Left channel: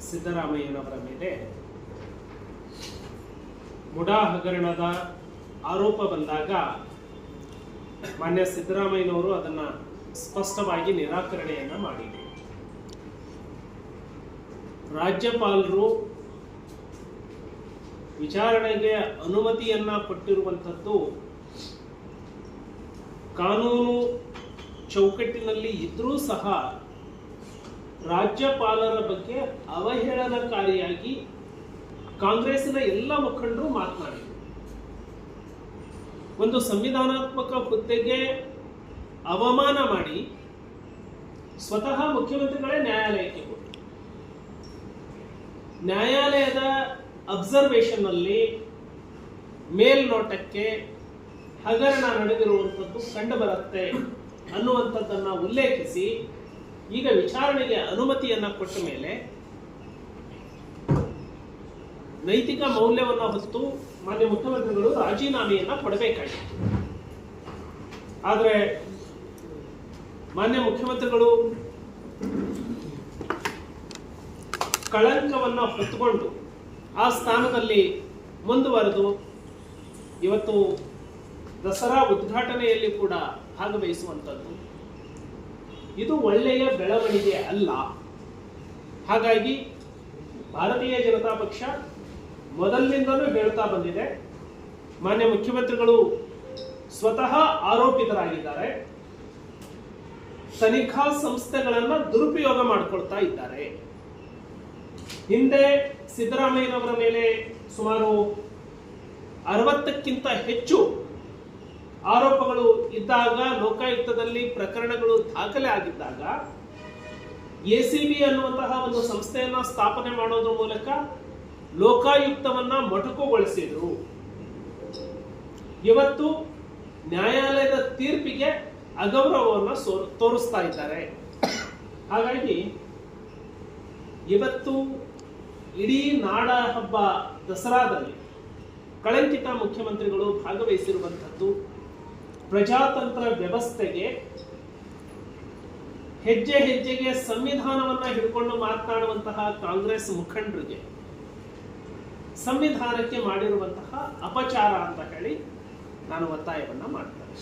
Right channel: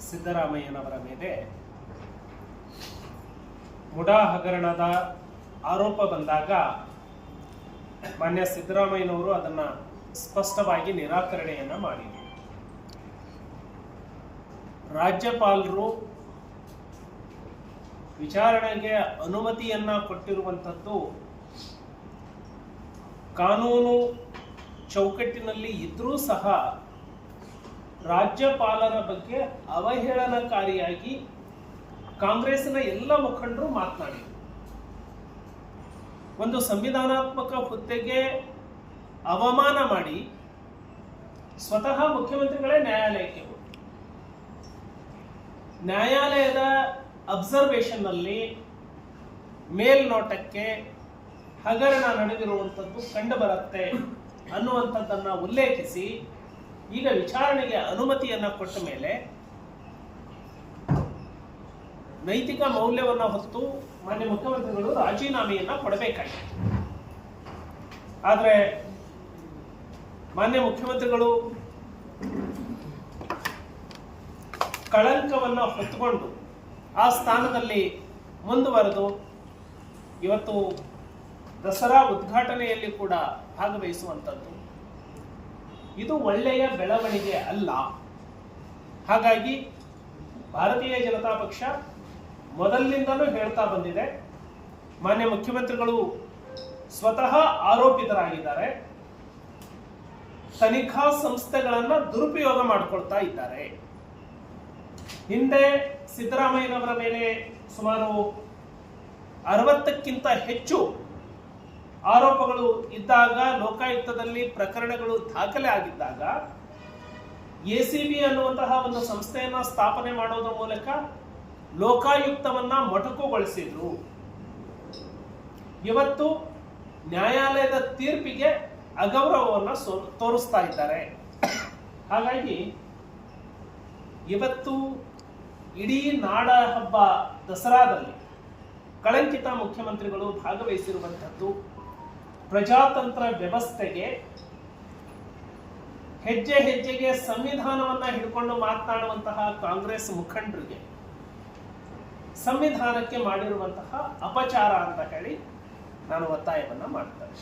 ಸಿದ್ದರಾಮಯ್ಯನವರ ಮೇಲೆ ಮುಡಾ ಹಗರಣದ ಆರೋಪ ಬಂದಾಗ ಮಾನ್ಯ ಸಿದ್ದರಾಮಯ್ಯನವರು ಅದನ್ನ ಸ್ಪಷ್ಟವಾಗಿ ನಿರಾಕರಣೆಯನ್ನ ಮಾಡಿದರು. ರಾಜ್ಯಪಾಲರು ವಿಚಾರಣೆಗೆ ಅನುಮತಿಯನ್ನ ಕೊಟ್ಟಿರುವಂಥದ್ದು ಕಾನೂನು ಚೌಕಟ್ಟಿನಲ್ಲಿ ಇದ್ರೂ ಸಹ ರಾಜ್ಯಪಾಲರ ಬಗ್ಗೆ ಅವಹೇಳನಕಾರಿಯಾಗಿ ಕಾಂಗ್ರೆಸ್ಸಿನ ಎಲ್ಲ ಮುಖಂಡರು ಮಾತನಾಡಿದರು. ಒಂದು ಸಂವಿಧಾನಾತ್ಮಕ ಹುದ್ದೆಗೆ ಅವಮಾನ ಮಾಡಿ ಸ್ವತಃ ಮುಖ್ಯಮಂತ್ರಿಗಳೇ ನ್ಯಾಯಾಲಯಕ್ಕೆ ಹೋಗಿ ನ್ಯಾಯಾಲಯದ ಅಬ್ಸರ್ವೇಷನ್ನಲ್ಲಿ ಮೇಲ್ನೋಟಕ್ಕೆ ಹಗರಣ ನಡೆದಿರುವಂಥದ್ದು ಕಂಡುಬರುತ್ತೆ ಅನ್ನುವಂಥದ್ದನ್ನು ಅನ್ನುವಂಥದ್ದನ್ನ ಉಲ್ಲೇಖಿಸಿ ಈಗ ವಿಚಾರಣೆಗೆ ಅನುಮತಿಯನ್ನ ಕೊಟ್ಟ ಮೇಲೆ ನೈತಿಕ ಮೌಲ್ಯವನ್ನ ಹೊತ್ತು ಮಾನ್ಯ ಮುಖ್ಯಮಂತ್ರಿಗಳು ರಾಜೀನಾಮೆಯನ್ನ ಕೊಡಬೇಕಾಗಿತ್ತು. ಆದರೆ ಮಾನ್ಯ ಮುಖ್ಯಮಂತ್ರಿಗಳು ಕಳಂಕವನ್ನ ಹೊತ್ತುಕೊಂಡು ಆ ಸ್ಥಾನದಲ್ಲಿ ಮುಂದುವರೆದು ಇವತ್ತು ದಸರಾ ಉದ್ಘಾಟನೆಯಲ್ಲಿ ಕೂಡ ಭಾಗವಹಿಸುವಂಥದ್ದು ಇದು ಒಳ್ಳೆಯ ಬೆಳವಣಿಗೆ ಅಲ್ಲ. ಹಾಗಾಗಿ ಭಾರತೀಯ ಜನತಾ ಪಕ್ಷ ಮೊದಲಿನಿಂದಲೂ ಹೇಳ್ತಾ ಬಂದಿದೆ. ಮಾನ್ಯ ಮುಖ್ಯಮಂತ್ರಿಗಳು ಸ್ವತಃ ಆರೋಪಿತರಾಗಿದ್ದಾರೆ. ತನಿಖಾ ಸಂಸ್ಥೆಗಳನ್ನ ದುರುಪಯೋಗ ಮಾಡಿಕೊಳ್ತಾ ಇದ್ದಾರೆ. ಹಿಂದೆ ಸಿದ್ದರಾಮಯ್ಯನವರ ಮೇಲೆ ಸುಮಾರು ಅರವತ್ತಕ್ಕಿಂತ ಹೆಚ್ಚು ಆರೋಪಗಳು ಇದ್ದಾಗ ಲೋಕಾಯುಕ್ತದಲ್ಲಿ ಪ್ರಕರಣಗಳು ದಾಖಲೆ ಆಗಿದ್ದಾಗ ಎಸಿಬಿ ಅನ್ನುವಂತಹ ಒಂದು ಸಂಸ್ಥೆಯನ್ನು ಸ್ಥಾಪನೆ ಮಾಡೋದ್ರ ಮೂಲಕ ಲೋಕಾಯುಕ್ತವನ್ನ ಮೊಟಕುಗೊಳಿಸಿದ್ರು. ಇವತ್ತು ನ್ಯಾಯಾಲಯದ ತೀರ್ಪಿಗೆ ಅಗೌರವವನ್ನು ತೋರಿಸ್ತಾ ಇದ್ದಾರೆ. ಹಾಗಾಗಿ ಇವತ್ತು ಇಡೀ ನಾಡ ಹಬ್ಬ ದಸರಾದಲ್ಲಿ ಕಳಂಕಿತ ಮುಖ್ಯಮಂತ್ರಿಗಳು ಭಾಗವಹಿಸಿರುವಂಥದ್ದು ಪ್ರಜಾತಂತ್ರ ವ್ಯವಸ್ಥೆಗೆ ಹೆಜ್ಜೆ ಹೆಜ್ಜೆಗೆ ಸಂವಿಧಾನವನ್ನ ಹಿಡ್ಕೊಂಡು ಮಾತನಾಡುವಂತಹ ಕಾಂಗ್ರೆಸ್ ಮುಖಂಡರಿಗೆ ಸಂವಿಧಾನಕ್ಕೆ ಮಾಡಿರುವಂತಹ ಅಪಚಾರ ಅಂತ ಹೇಳಿ ನಾನು ಒತ್ತಾಯವನ್ನ ಮಾಡ್ತಾರೆ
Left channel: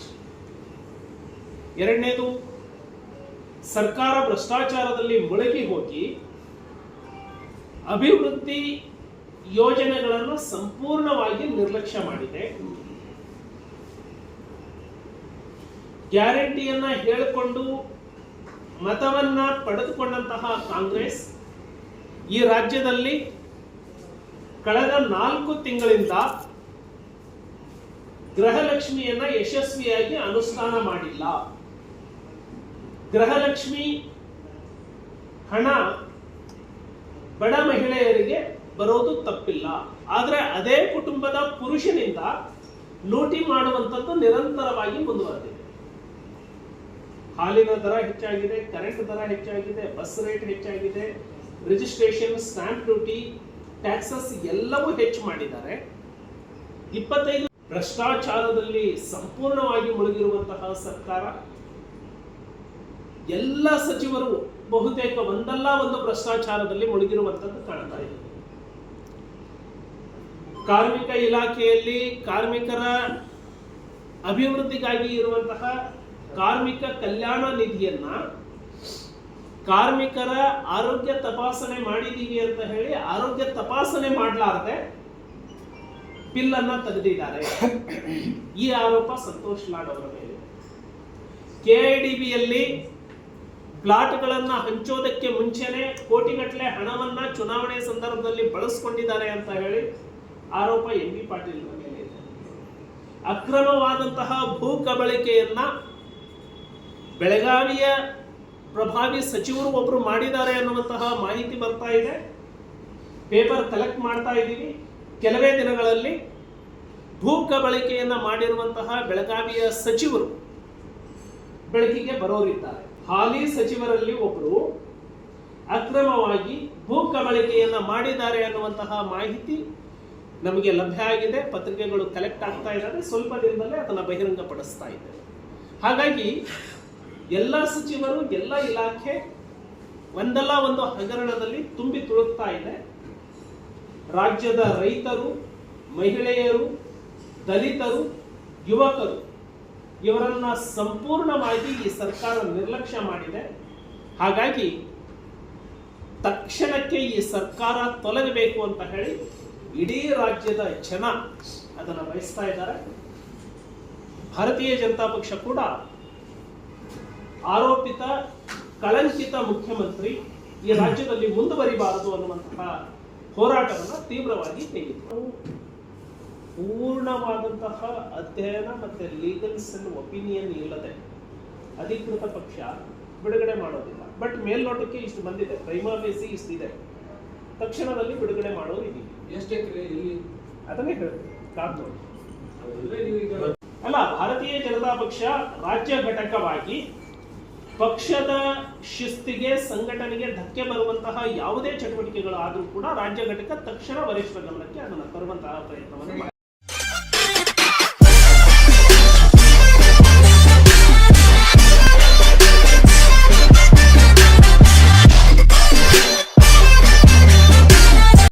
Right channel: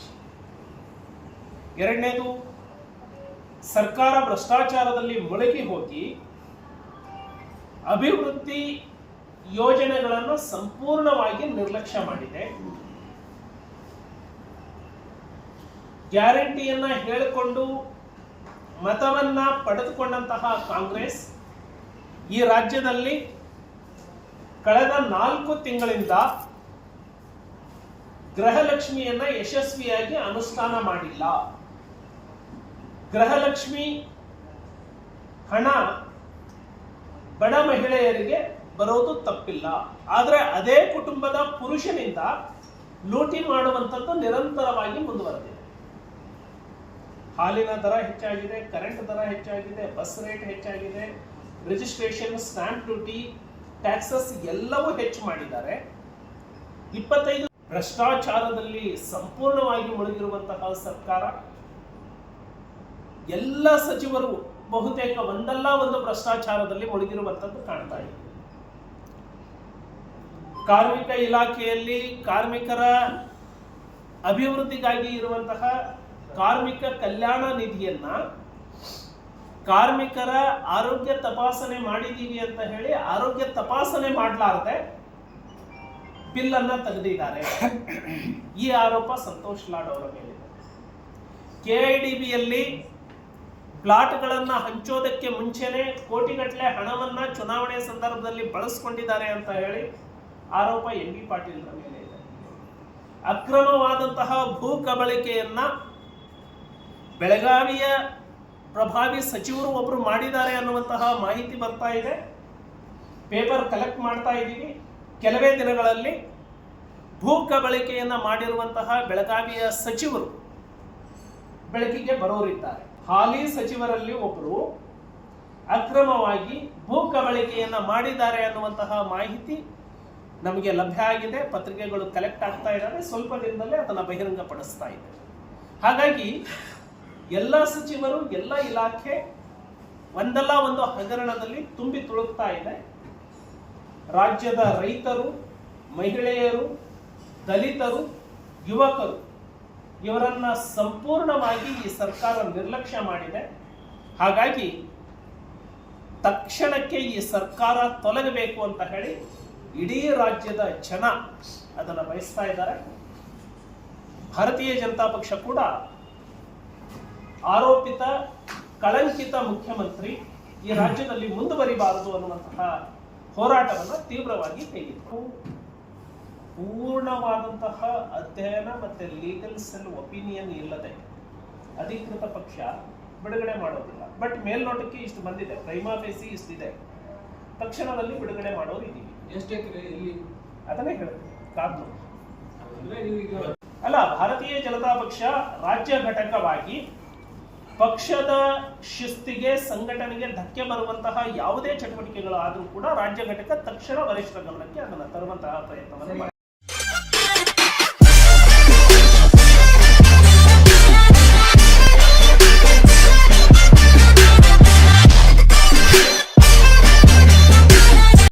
ಎರಡನೇದು, ಸರ್ಕಾರ ಭ್ರಷ್ಟಾಚಾರದಲ್ಲಿ ಮುಳುಗಿ ಹೋಗಿ ಅಭಿವೃದ್ಧಿ ಯೋಜನೆಗಳನ್ನು ಸಂಪೂರ್ಣವಾಗಿ ನಿರ್ಲಕ್ಷ್ಯ ಮಾಡಿದೆ. ಗ್ಯಾರಂಟಿಯನ್ನ ಹೇಳಿಕೊಂಡು ಮತವನ್ನ ಪಡೆದುಕೊಂಡಂತಹ ಕಾಂಗ್ರೆಸ್ ಈ ರಾಜ್ಯದಲ್ಲಿ ಕಳೆದ ನಾಲ್ಕು ತಿಂಗಳಿಂದ ಗೃಹಲಕ್ಷ್ಮಿಯನ್ನ ಯಶಸ್ವಿಯಾಗಿ ಅನುಷ್ಠಾನ ಮಾಡಿಲ್ಲ. ಗೃಹಲಕ್ಷ್ಮಿ ಹಣ ಬಡ ಮಹಿಳೆಯರಿಗೆ ಬರೋದು ತಪ್ಪಿಲ್ಲ. ಆದರೆ ಅದೇ ಕುಟುಂಬದ ಪುರುಷನಿಂದ ಲೂಟಿ ಮಾಡುವಂಥದ್ದು ನಿರಂತರವಾಗಿ ಮುಂದುವರೆದಿದೆ. ಹಾಲಿನ ದರ ಹೆಚ್ಚಾಗಿದೆ ಕರೆಂಟ್ ದರ ಹೆಚ್ಚಾಗಿದೆ ಬಸ್ ರೇಟ್ ಹೆಚ್ಚಾಗಿದೆ ರಿಜಿಸ್ಟ್ರೇಷನ್ ಸ್ಟ್ಯಾಂಪ್ ಡ್ಯೂಟಿ ಟ್ಯಾಕ್ಸಸ್ ಎಲ್ಲವೂ ಹೆಚ್ಚು ಮಾಡಿದ್ದಾರೆ. ಇಪ್ಪತ್ತೈದು ಭ್ರಷ್ಟಾಚಾರದಲ್ಲಿ ಸಂಪೂರ್ಣವಾಗಿ ಮುಳುಗಿರುವಂತಹ ಸರ್ಕಾರ, ಎಲ್ಲ ಸಚಿವರು ಬಹುತೇಕ ಒಂದಲ್ಲ ಒಂದು ಭ್ರಷ್ಟಾಚಾರದಲ್ಲಿ ಮುಳುಗಿರುವಂತದ್ದು ಕಾಣ್ತಾ ಇದೆ. ಕಾರ್ಮಿಕ ಇಲಾಖೆಯಲ್ಲಿ ಕಾರ್ಮಿಕರ ಅಭಿವೃದ್ಧಿಗಾಗಿ ಇರುವಂತಹ ಕಾರ್ಮಿಕ ಕಲ್ಯಾಣ ನಿಧಿಯನ್ನ ಕಾರ್ಮಿಕರ ಆರೋಗ್ಯ ತಪಾಸಣೆ ಮಾಡಿದ್ದೀವಿ ಅಂತ ಹೇಳಿ ಆರೋಗ್ಯ ತಪಾಸಣೆ ಮಾಡಲಾರದೆ ಬಿಲ್ ಅನ್ನ ತೆಗೆದಿದ್ದಾರೆ. ಈ ಆರೋಪ ಸಂತೋಷ್ ಲಾಡ್ ಅವರ ಮೇಲೆ ಕೆಐಡಿಬಿಯಲ್ಲಿ ಪ್ಲಾಟ್ಗಳನ್ನು ಹಂಚೋದಕ್ಕೆ ಮುಂಚೆನೆ ಕೋಟಿಗಟ್ಟಲೆ ಹಣವನ್ನ ಚುನಾವಣೆ ಸಂದರ್ಭದಲ್ಲಿ ಬಳಸ್ಕೊಂಡಿದ್ದಾರೆ ಅಂತ ಹೇಳಿ ಆರೋಪ ಎಂ ಬಿ ಪಾಟೀಲ್ ಮೇಲೆ ಇದೆ ಅಕ್ರಮವಾದಂತಹ ಭೂ ಕಬಳಿಕೆಯನ್ನ ಬೆಳಗಾವಿಯ ಪ್ರಭಾವಿ ಸಚಿವರು ಒಬ್ರು ಮಾಡಿದ್ದಾರೆ ಅನ್ನುವಂತಹ ಮಾಹಿತಿ ಬರ್ತಾ ಇದೆ. ಪೇಪರ್ ಕಲೆಕ್ಟ್ ಮಾಡ್ತಾ ಇದ್ದೀವಿ. ಕೆಲವೇ ದಿನಗಳಲ್ಲಿ ಭೂ ಕಬಳಿಕೆಯನ್ನ ಮಾಡಿರುವಂತಹ ಬೆಳಗಾವಿಯ ಸಚಿವರು ಬೆಳಕಿಗೆ ಬರೋರಿದ್ದಾರೆ. ಹಾಲಿ ಸಚಿವರಲ್ಲಿ ಒಬ್ಬರು ಅಕ್ರಮವಾಗಿ ಭೂ ಕಬಳಿಕೆಯನ್ನ ಮಾಡಿದ್ದಾರೆ ಅನ್ನುವಂತಹ ಮಾಹಿತಿ ನಮಗೆ ಲಭ್ಯ ಆಗಿದೆ. ಪತ್ರಿಕೆಗಳು ಕಲೆಕ್ಟ್ ಆಗ್ತಾ ಇದ್ದಾರೆ ಸ್ವಲ್ಪ ದಿನದಲ್ಲೇ ಅದನ್ನು ಬಹಿರಂಗಪಡಿಸ್ತಾ ಇದ್ದೇವೆ. ಹಾಗಾಗಿ ಎಲ್ಲ ಸಚಿವರು, ಎಲ್ಲ ಇಲಾಖೆ ಒಂದಲ್ಲ ಒಂದು ಹಗರಣದಲ್ಲಿ ತುಂಬಿ ತುಳುಕ್ತಾ ಇದೆ. ರಾಜ್ಯದ ರೈತರು, ಮಹಿಳೆಯರು, ದಲಿತರು, ಯುವಕರು ಇವರನ್ನ ಸಂಪೂರ್ಣವಾಗಿ ಈ ಸರ್ಕಾರ ನಿರ್ಲಕ್ಷ್ಯ ಮಾಡಿದೆ. ಹಾಗಾಗಿ ತಕ್ಷಣಕ್ಕೆ ಈ ಸರ್ಕಾರ ತೊಲಗಬೇಕು ಅಂತ ಹೇಳಿ ಇಡೀ ರಾಜ್ಯದ ಜನ ಅದನ್ನು ಬಯಸ್ತಾ ಇದ್ದಾರೆ. ಭಾರತೀಯ ಜನತಾ ಪಕ್ಷ ಕೂಡ ಆರೋಪಿತ ಕಳಂಕಿತ ಮುಖ್ಯಮಂತ್ರಿ ಈ ರಾಜ್ಯದಲ್ಲಿ ಮುಂದುವರಿಬಾರದು ಅನ್ನುವಂತಹ ಹೋರಾಟವನ್ನು ತೀವ್ರವಾಗಿ ತೆಗೆದು ಪೂರ್ಣವಾದಂತಹ ಅಧ್ಯಯನ ಮತ್ತೆ ಲೀಗಲ್ ಸೆಲ್ ಒಪಿನಿಯನ್ ಇಲ್ಲದೆ ಅಧಿಕೃತ ಪಕ್ಷ ಬಿಡುಗಡೆ ಮಾಡೋದಿಲ್ಲ. ಬಟ್ ಮೇಲ್ನೋಟಕ್ಕೆ ಇಷ್ಟು ಬಂದಿದೆ ಪ್ರೈಮಾ ಬೇಸಿ ಇಷ್ಟಿದೆ. ತಕ್ಷಣದಲ್ಲಿ ಬಿಡುಗಡೆ ಮಾಡೋರು ಇದೀವಿ ಅದನ್ನೇ ಹೇಳ್ತೀನಿ ಅಲ್ಲ ಭಾರತೀಯ ಜನತಾ ಪಕ್ಷ ರಾಜ್ಯ ಘಟಕವಾಗಿ ಪಕ್ಷದ ಶಿಸ್ತಿಗೆ, ಸಂಘಟನೆಗೆ ಧಕ್ಕೆ ಬರುವಂತಹ ಯಾವುದೇ ಚಟುವಟಿಕೆಗಳು ಆದರೂ ಕೂಡ ರಾಜ್ಯ ಘಟಕ ತಕ್ಷಣ ವರಿಷ್ಠ ಗಮನಕ್ಕೆ ಅದನ್ನು ತರುವಂತಹ ಪ್ರಯತ್ನವನ್ನು